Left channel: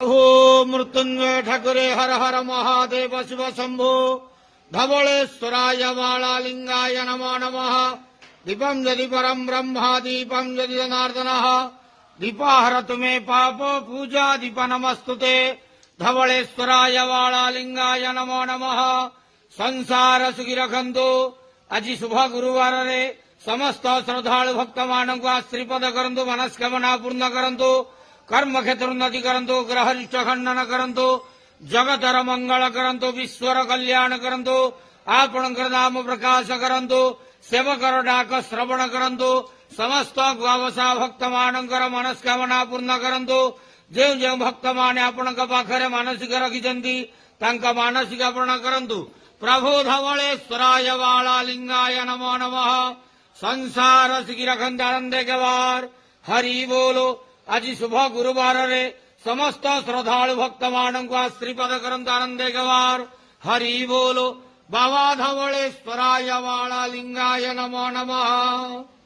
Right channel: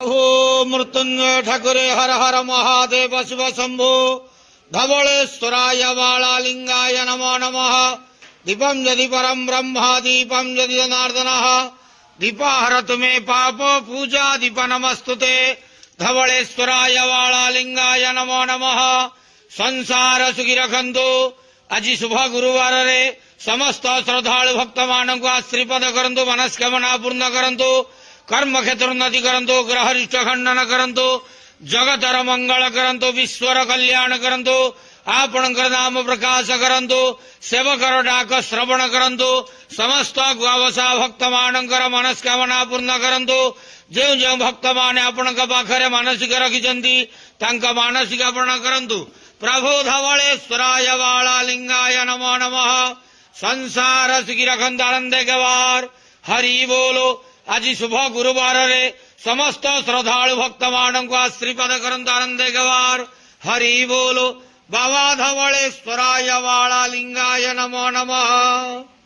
हो मृत्युंजय ठाकुरे हर हर महादेव शिव शंभो धवलेश्वराय बालालिंगाय नमो नमः। दीपं यदि परम ब्रह्म दीपं यदि जनार्दनः दीपाहरतु मे पाप पूजा दीप नमस्तुते। धवलेश्वराय बालालिंगाय नमो नमः। संसार सुखी रखंतु। आज शुभ गुरुवार रे समस्त श्रद्धालु भक्त मानक श्रीपद करंतु मनस्कामना पूर्ण करंतु कर्म क्षेत्र उन्नति करंतु ग्रह रिष्ट खंडन करंतु जगतर मंगल करंतु विश्वर कल्याण करंतु आपणकर नाम प्रकाश करंतु सेवकर डाक श्रवण करंतु समस्त ग्वावसा भक्त मानकर मनस्कामना पूर्ण करंतु। जो जो भक्त माने आपण पाखरे मानसिक रखिछंती तांका मानसिक पूर्ण करंतु। प्रभु धवलेश्वराय बालालिंगाय नमो नमः। संसार सुखी रखंत आनंदे गवार हरि बोलो। आज शुभ गुरुवार रे समस्त श्रद्धालु भक्त मानक श्रीपद करंतु आनंदे गवार हरि बोलो। बाबा धवलेश्वराय बालालिंगाय नमो नमः।